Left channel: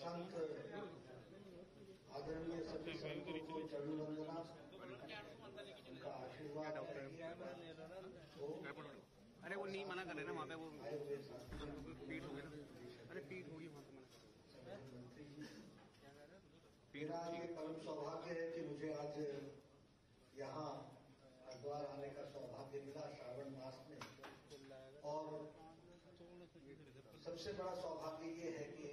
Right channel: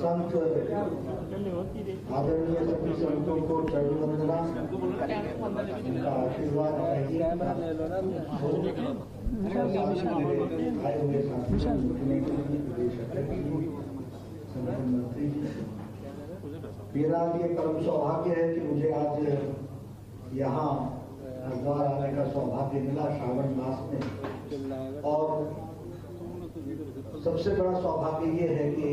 संत आदरणीय सभी संतों को चरण वंदना, उनका आशीर्वाद आए हुए संगठन मंत्री जी, मेरा ये परम सौभाग्य है कि मुझे आज यहाँ हरिद्वार आने का सौभाग्य मिला श्रावण मास में। और सबसे बड़ा सौभाग्य ये है कि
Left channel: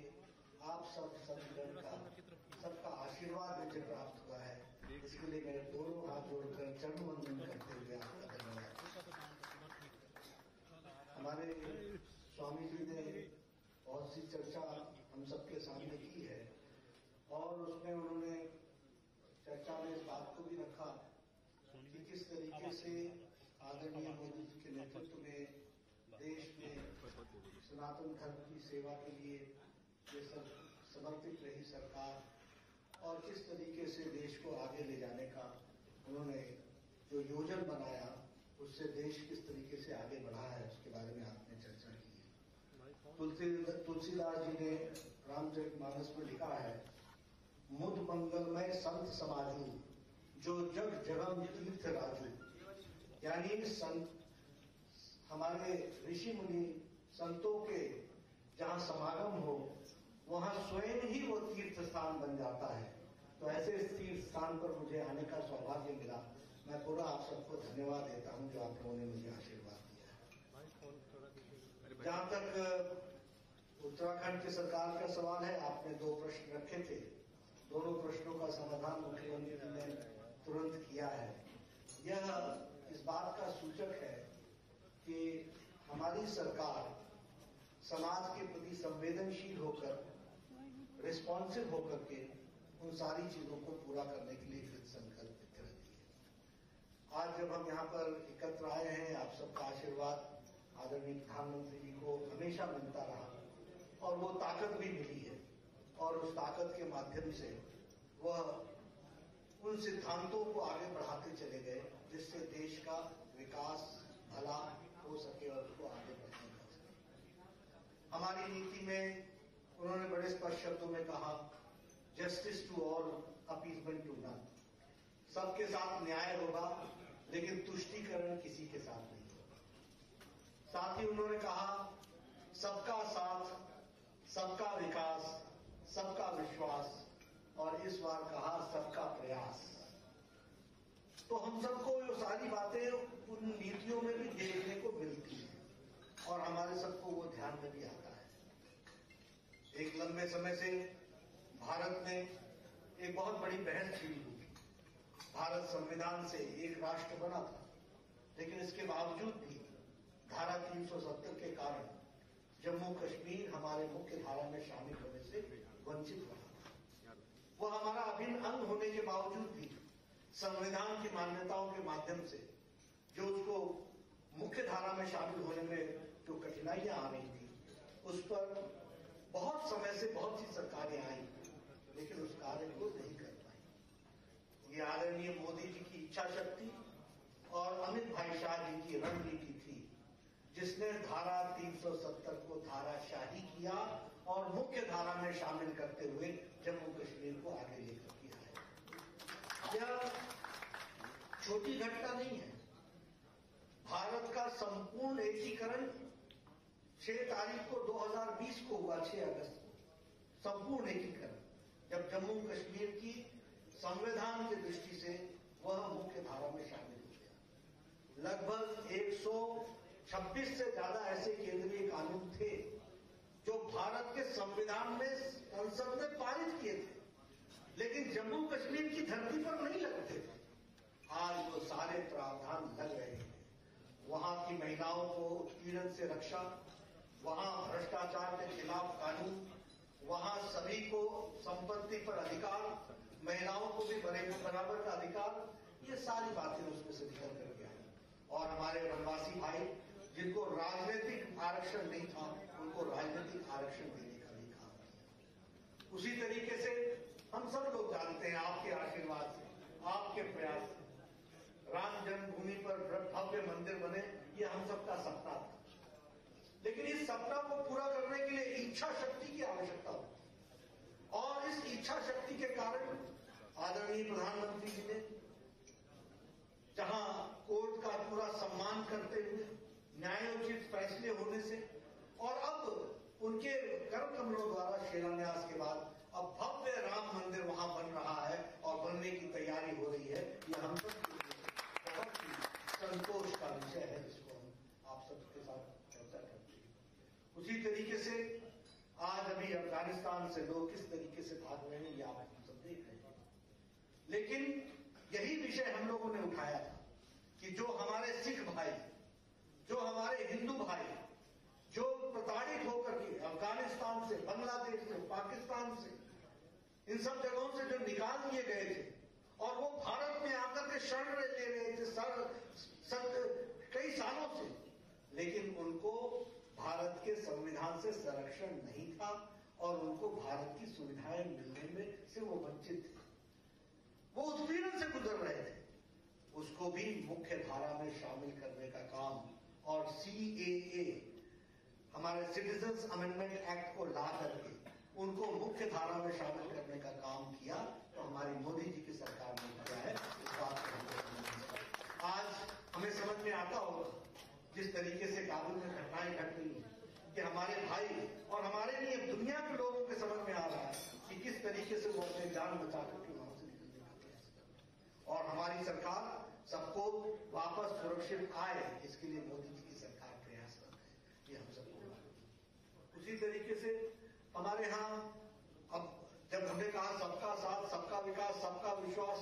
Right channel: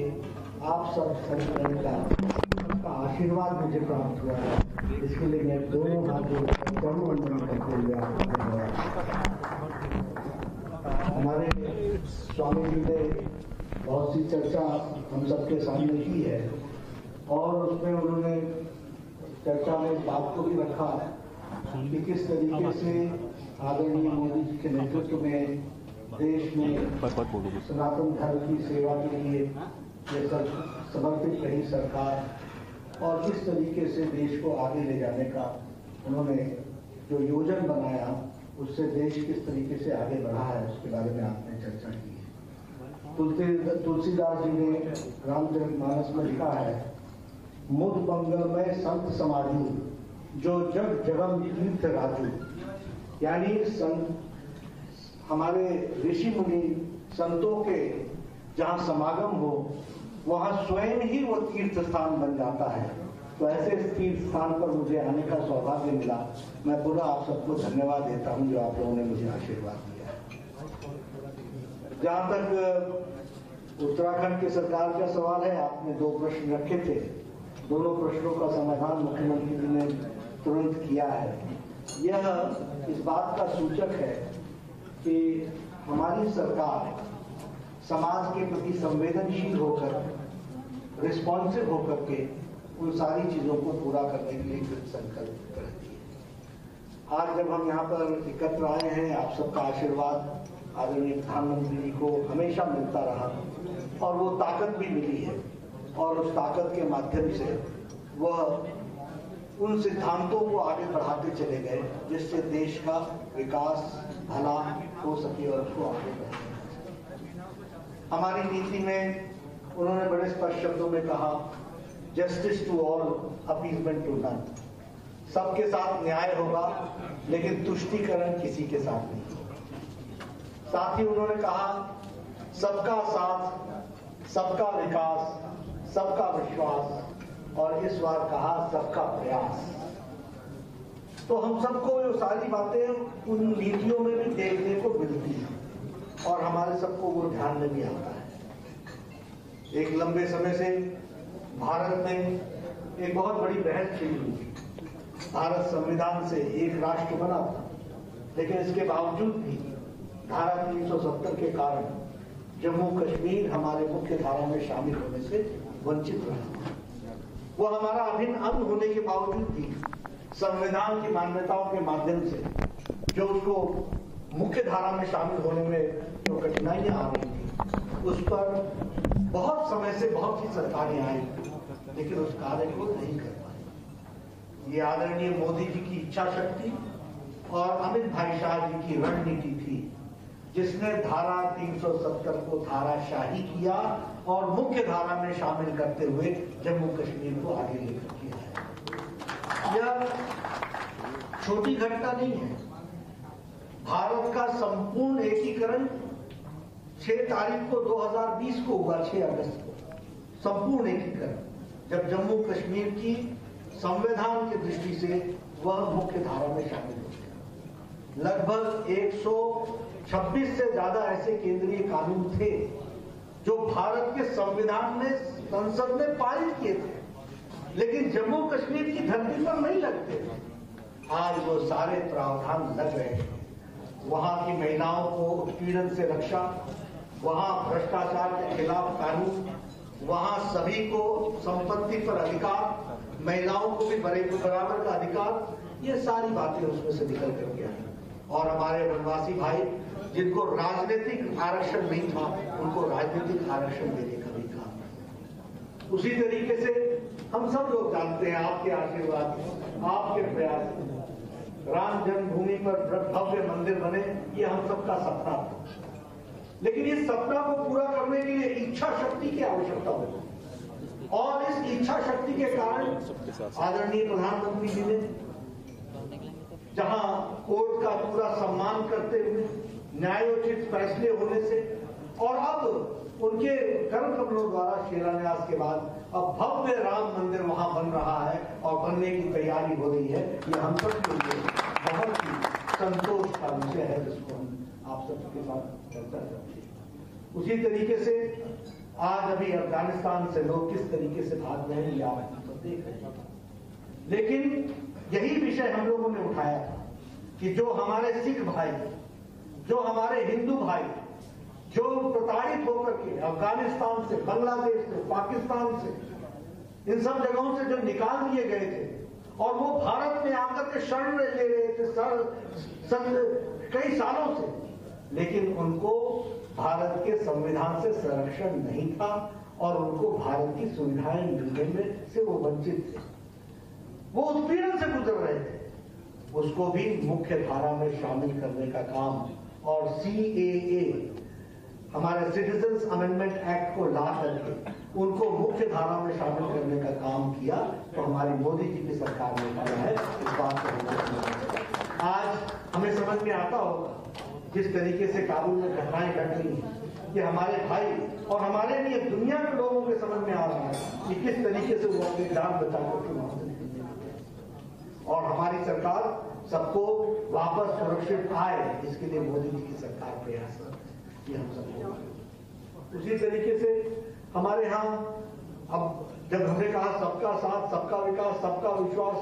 आप सबका आशीर्वाद मुझे प्राप्त हुआ है। इसके लिए मैं दोनों हाथ जोड़कर चरण वंदन करते हुए आपको धन्यवाद। हमारे स्वामी जी ने बहुत सी चर्चा हम सबके सामने की है और उसमें उन्होंने चर्चा में इस बात को भी रखा कि किस तरीके से आदरणीय मोदी जी के नेतृत्व में देश में सनातन धर्म की सेवा के लिए ये सब समर्पित रही सरकार और किस तरीके से देश को आगे ले जाने का उन्होंने जो योजन बनाया उससे देश किस तरीके से आगे बढ़ा है उसके बारे में आपने चर्चा की है। तुलसीदास जी ने रामचरितमानस में लिखा है, मुद मंगलमय संत समाजू जो जग जगम तीर्थ राजू। यानी हमारे ऋषि मुनि संतों के जहाँ समागम हो वहाँ स्वयं ही वो तीर्थ स्थान बन जाता है। तो ऐसे तीर्थ स्थान पर मुझे आने का सौभाग्य मिला। मैं पूरा आप सबको धन्यवाद देता हूँ जो आप लोगों ने मुझे आशीर्वाद दिया है। जहाँ तक उत्तराखंड की सरकार का सवाल है, आपने 2 प्रश्न रखे थे, दोनों प्रश्नों का समाधान मुख्यमंत्री जी ने तुरंत किया है। यह इस बात का सूचक है कि हमारी सरकार समाज के प्रति संवेदनशील होकर, रिस्पॉन्सिव होकर के उन सारी चीजों को पूरा करने के लिए कृत संकल्पित रहती है। आज जब हम यहाँ पर एकत्र आए हैं, आप सबका आशीर्वाद आदरणीय प्रधानमंत्री जी को हमेशा मिलता रहा और वो ताकत भी मिली है और उस ताकत के माध्यम से वह उन सिद्धांतों को आगे बढ़ाते चले गए जिससे देश का विकास भला हो सके और उसको आगे बढ़े। हमारी नीति में उन्होंने बड़े स्पष्ट शब्दों में कहा, justice to all, appeasement to none. सबके साथ न्याय होगा लेकिन तुष्टीकरण किसी के साथ नहीं। साथ ही उन्होंने कहा, सबका साथ, सबका विकास, सबका विश्वास और इस बार कहा सबका प्रयास। तो हम सबको ये सारी बातें उन नीतियों में भी देखने को मिलती हैं और हमारे सबको वो ध्यान में भी आता है। एक लंबे समय से भारत में एक बहुत बड़ी बहस छिड़ी हुई। भारत संविधान से एक राष्ट्र बना था, लेकिन इसके बावजूद भी धारा 370 के कारण जम्मू कश्मीर हमारे मुख्य धारा में शामिल होने से वंचित रहा। वो हमारा अभिन्न अंग होने के बावजूद भी संविधान की मान्यताओं के माध्यम से जो उसको मुख्य धारा में शामिल होने में जो कठिनाइयां आ रही थी, उस पर बहुत समय से बहुत सी सरकारें आई लेकिन उस कार्य को नहीं कर पाई। ये आदरणीय मोदी जी की इच्छा शक्ति और अमित भाई शाह जी की रणनीति थी जिसने धारा 370 को धाराशाही किया और मुख्य धारा में शामिल करते हुए जम्मू कश्मीर को आगे लेकर किया है। यह छोटी घटना नहीं है। भारत का संपूर्ण एकीकरण 6 तारीख को 2020 को हुआ, 6 अगस्त को संपूर्ण एकीकरण, जब जम्मू कश्मीर की संविधान की दृष्टि से वह मुख्य धारा में शामिल हो गया। लगभग 126 से ज्यादा ऐसे केंद्रीय कानून थे जो भारत के संविधान में संसद में पारित किए थे लेकिन जम्मू कश्मीर की धरती पर नहीं लगते थे। आज वो सारे प्रावधान लग रहे हैं। वहां की महिलाओं को उत्पीड़न से रक्षा, वहां भ्रष्टाचार के खिलाफ कानून, वहां सभी को संपत्ति पर अधिकार, महिलाओं को भी बराबर का अधिकार, ये सारी बातें उसमें से निकल कर गया। और हमारे वनवासी भाई जिनको राजनीतिक आरक्षण नहीं था उनको राजनीतिक आरक्षण देने का भी काम। उसी तरीके से हम सब लोग जानते हैं आपके आशीर्वाद, आपके प्रयास, राम जन्मभूमि पर भव्य मंदिर बने, ये हम सबका सपना था। लेकिन इस सपना को पूरा करने के लिए इच्छा शक्ति की आवश्यकता के कारण आदरणीय प्रधानमंत्री जी ने जहां कोर्ट का पूरा सम्मान करते हुए न्यायोचित फैसले होने से और अब उनके कर्म कमलों द्वारा शिलान्यास के बाद अब भव्य राम मंदिर वहां बन रहा है और बनने की तैयारी हो रही है, ये हम सब के लिए बहुत ही संतोष का विषय है, जिसको हम आप सबके साथ चर्चा करते हैं। उसी तरीके से आज अभी अफगानिस्तान से लोग किस तरीके से भाग रहे हैं, ये आप सब देख रहे हैं। लेकिन यही विषय हम लोगों ने उठाया था कि जो हमारे सिख भाई, जो हमारे हिंदू भाई, जो प्रताड़ित होकर के अफगानिस्तान से, बांग्लादेश से, पाकिस्तान से, इन सब जगहों से जो निकाल दिए गए थे और वो भारत में आकर के शरण ले रहे थे कई सालों से, लेकिन उनको भारत के संविधान से संरक्षण नहीं था और उनको भारत की सुविधाएं मिलने में से वो वंचित थे, वो उत्पीड़न से गुजर रहे थे, उसको भी मुख्य धारा में शामिल करने का काम और CAA हमारे सिटीजन्स अमेंडमेंट एक्ट को ला करके उनको मुख्य धारा में शामिल करने का काम किया, तो हमारी मोदी जी की सरकार ने किया है। इस बात को आज हमें समझ में आता होगा जिस तरीके से काबुल में घटनाएं घट रही हैं कि हमारे भाई और हमारे लिए दुनिया के लोगों के समझ में आ रहा है कि किस तरीके से वो अपनी जान बचा करके वहां से निकलने और हमारी सरकार सबको वापस सुरक्षित आए, इसके लिए मोदी जी की सरकार प्रयासरत है, ये हम सबको। उसी तरीके से हमारे यहाँ अब जब हमने कहा सबका साथ, सबका विकास, सबका विश्वास,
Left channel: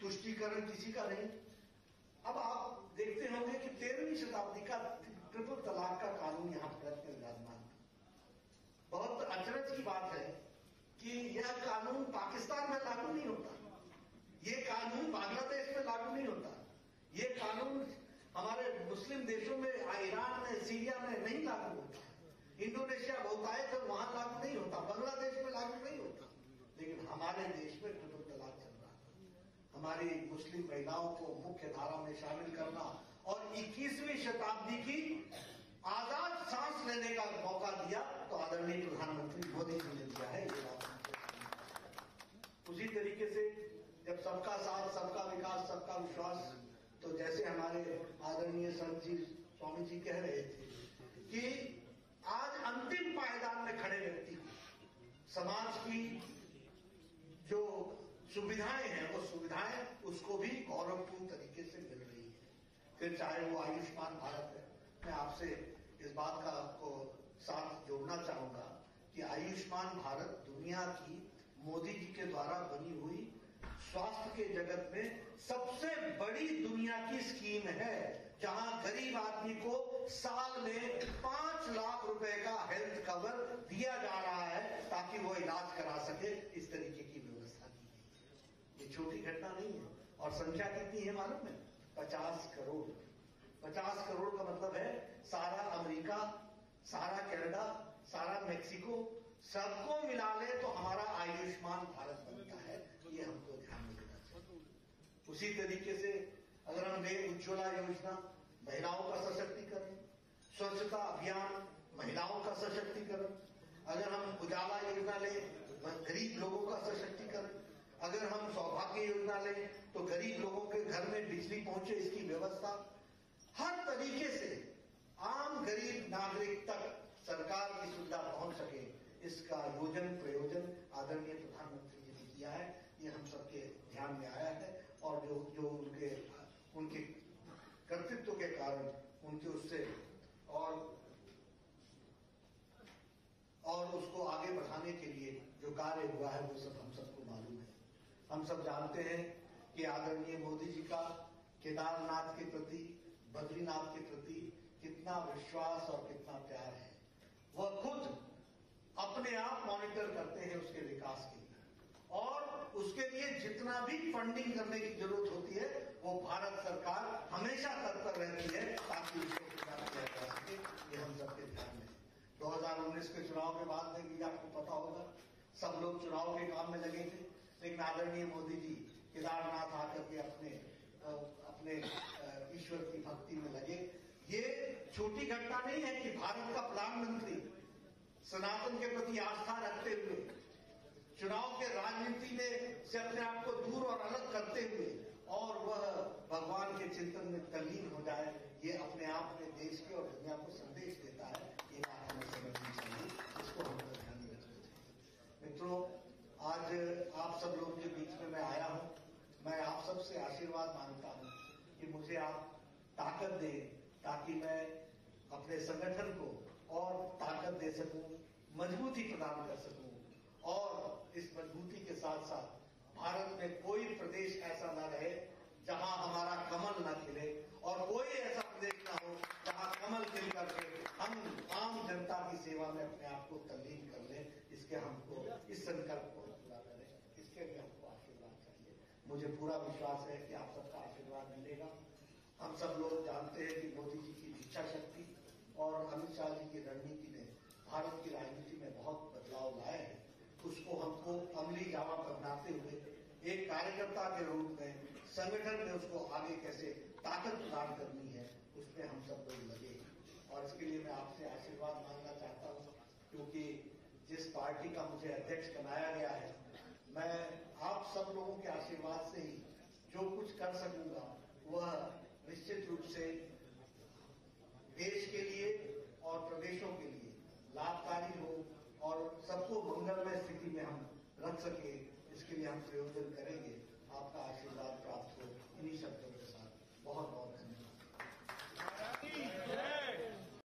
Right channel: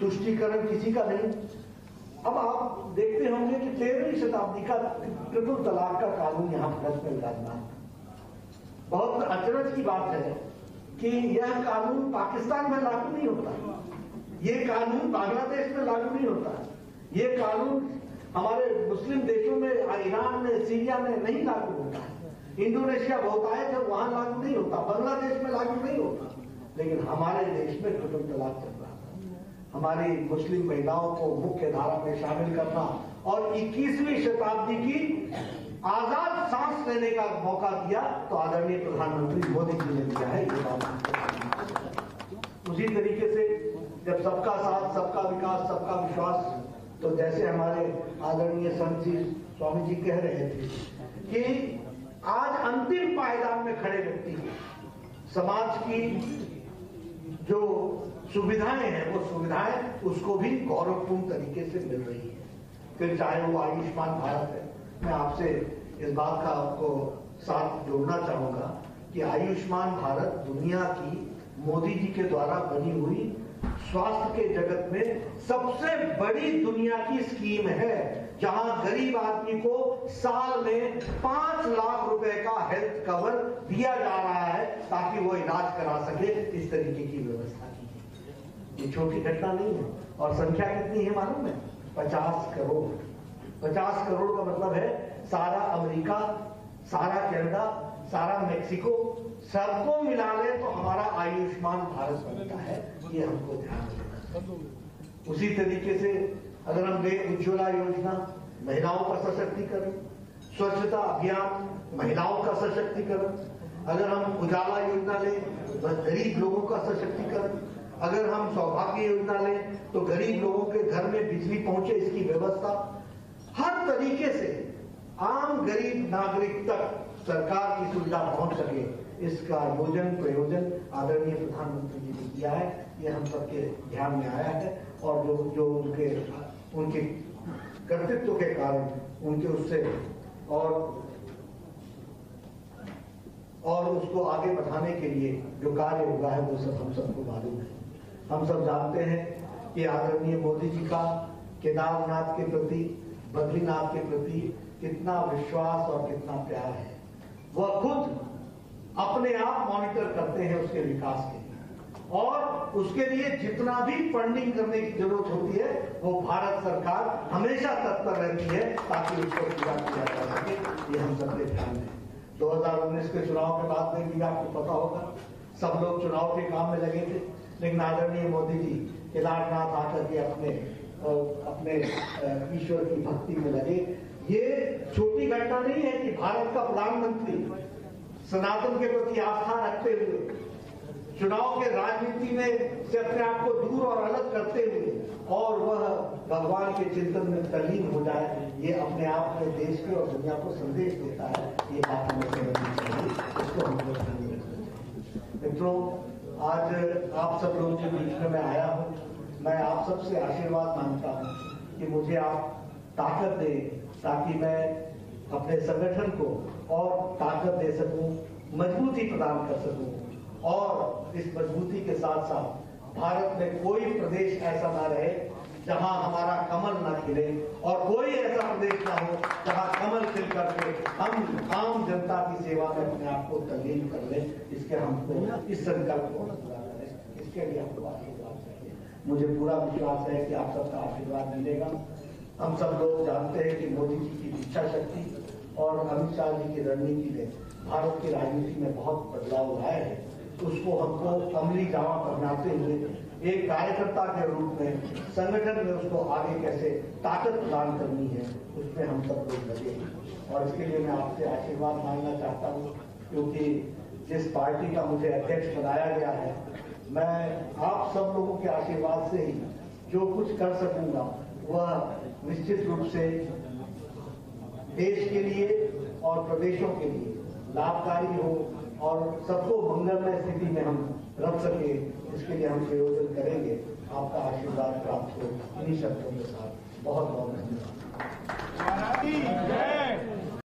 तुष्टीकरण किसी का नहीं, अब आप देखते होंगे कि 13वीं शताब्दी का ट्रिपल तलाक का कानून यहाँ भारत में विराजमान। बहुत अचरज की बात है कि यह कानून पाकिस्तान में लागू नहीं होता, ये कानून बांग्लादेश में लागू नहीं होता, ये कानून हमारे मुस्लिम देशों में, ईरान में, सीरिया में नहीं लागू होता है, इंडोनेशिया बहुत आए थे वहां लागू नहीं होता, बांग्लादेश में लागू नहीं होता, लेकिन हमारे देश में ट्रिपल तलाक चल रहा था। हमारी मुस्लिम महिलाओं को मुख्य धारा में शामिल करना और 21वीं शताब्दी की आजाद सांस लेने का मौका दिया, तो आदरणीय प्रधानमंत्री मोदी जी ने दिया है ये बात। उसी तरीके से जब सबका साथ, सबका विकास, सबका विश्वास, तो जैसे हमारे आदरणीय संत जी स्वामी जी कह रहे थे कि आज अंतिम पायदान में खड़े व्यक्ति को समाज की जो सुविधाएं हैं, वो सुविधाएं उसको भी गौरवपूर्ण तरीके से मिल रही है। फिर चाहे वो आयुष्मान भारत है, मैं आपसे इस बात का आपको साथ जोड़ना चाहूंगा कि आयुष्मान भारत दुनिया की मोदी जी के द्वारा बनी हुई स्वास्थ्य के जगत में सबसे बड़ी दुनिया की स्कीम है, जहां गरीब आदमी को साल में 5 लाख रुपए का हेल्थ कवर दिया जा रहा है ताकि वो इलाज करा सके। इस तरीके की व्यवस्था की है। ये छोटी घटना नहीं है और संख्या कितनी है मालूम है? 50 करोड़। 50 करोड़ का मतलब है सारा अमेरिका, सारा कनाडा, सारा मेक्सिको, सबको मिला ले तो हमारा आयुष्मान भारत बनता है। ये हमको ध्यान देना। उसी तरीके से अगर हम देखें उज्ज्वला योजना, महिलाओं का सशक्तिकरण, स्वच्छता अभियान, महिलाओं का सशक्तिकरण, अगर हम उजाला योजना लें तो गरीब लोगों का सशक्तिकरण, अगर हम सौभाग्य योजना लें तो गरीब लोगों के घर में बिजली पहुंचे इसकी व्यवस्था, हर तरीके से आम गरीब नागरिक तक सरकार की सुविधा पहुंच सके, इसका योजन प्रयोजन आदरणीय प्रधानमंत्री जी ने किया है। ये हम सबके ध्यान में आया है और जो उनके कर्तृत्व के कारण उनके उससे और उसको आगे बढ़ाने के लिए जो कार्य हुआ है वो सब हम सबको मालूम है। हम सब जानते हैं कि आदरणीय मोदी जी का केदारनाथ के प्रति, बद्रीनाथ के प्रति कितना विश्वास और कितना प्यार है। वह खुद अपने आप मॉनिटर करते हैं उसके विकास के लिए और उसके लिए जितना भी फंडिंग करने की जरूरत होती है वो भारत सरकार हमेशा तत्पर रहती है ताकि उसको पूरा किया जा सके। ये हम सबके ध्यान में। 2019 के चुनाव के बाद में भी आपको पता होगा सब लोग चुनाव के काम में लगे थे, लेकिन आदरणीय मोदी जी केदारनाथ आकर के अपने ईश्वर की भक्ति में लगे। ये छोटी घटना नहीं है कि भारत का प्रधानमंत्री सनातन के प्रति आस्था रखते हुए चुनाव के राजनीति में से अपने आप को दूर और अलग करते हुए और वह भगवान के चिंतन में तल्लीन हो जाए, ये अपने आप में देश के और दुनिया को संदेश देता है। ये बात हमें समझनी चाहिए, इसको हम लोग ध्यान में रखना चाहिए। मित्रों, आज आप सब लोगों के बीच में मैं आया हूँ। मैं आप सबसे आशीर्वाद मांगता हूँ कि मुझे आप ताकत दें ताकि मैं अपने संगठन को और ताकत दे सकूं, मजबूती प्रदान कर सकूं और इस मजबूती के साथ साथ भारत में कोई प्रदेश ऐसा ना रहे जहां हमारा कमल ना खिले और कोई ऐसा प्रदेश ना हो जहां कमल खिल करके हम आम जनता की सेवा में अपने आप को तल्लीन कर लें। इसके हमको इस संकल्प को पूरा करें, इसके लिए हमको आशीर्वाद चाहिए। मुझे पूरा विश्वास है कि आप सबका आशीर्वाद मिलेगा। हम सब लोग जानते हैं कि मोदी जी की इच्छा शक्ति और अमित शाह जी की रणनीति ने भारत की राजनीति में बहुत बदलाव लाए हैं। उसको हमको अमली जामा पहनाते हुए एक कार्यकर्ता के रूप में संगठन में उसको आगे कैसे ताकत प्रदान करनी है, उसमें हम सब लोग लगे हैं। और इसके लिए मैं आपसे आशीर्वाद मांगना चाहता हूँ, क्योंकि जिस पार्टी का मुझे अध्यक्ष बनाया गया है, मैं आप सब लोगों के आशीर्वाद से ही जो कुछ कर सकूंगा वह निश्चित रूप से देश के लिए और प्रदेशों के लिए लाभकारी हो और सबको मंगलमय स्थिति में हम रख सके, इसके लिए हम प्रयोजन करेंगे। आपका आशीर्वाद प्राप्त हो। इन्हीं शब्दों के साथ बहुत बहुत धन्यवाद।